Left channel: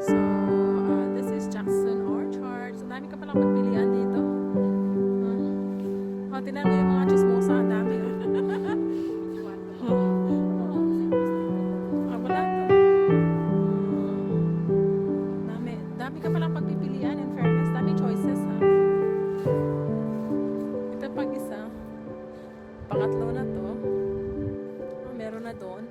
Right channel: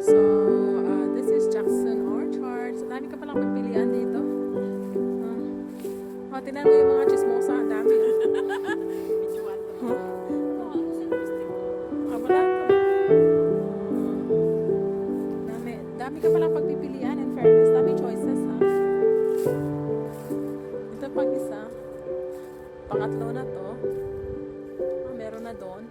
So, this is Jackson Orchard. So, dami ka palang pagpilian dito. Tingnan mo yung mga chismosa. Ang dami. Wala. Dami ka palang pagpipilian. In fairness, dami choices, ha? Ito pang isa. Pangatlo na to. Meron na doon.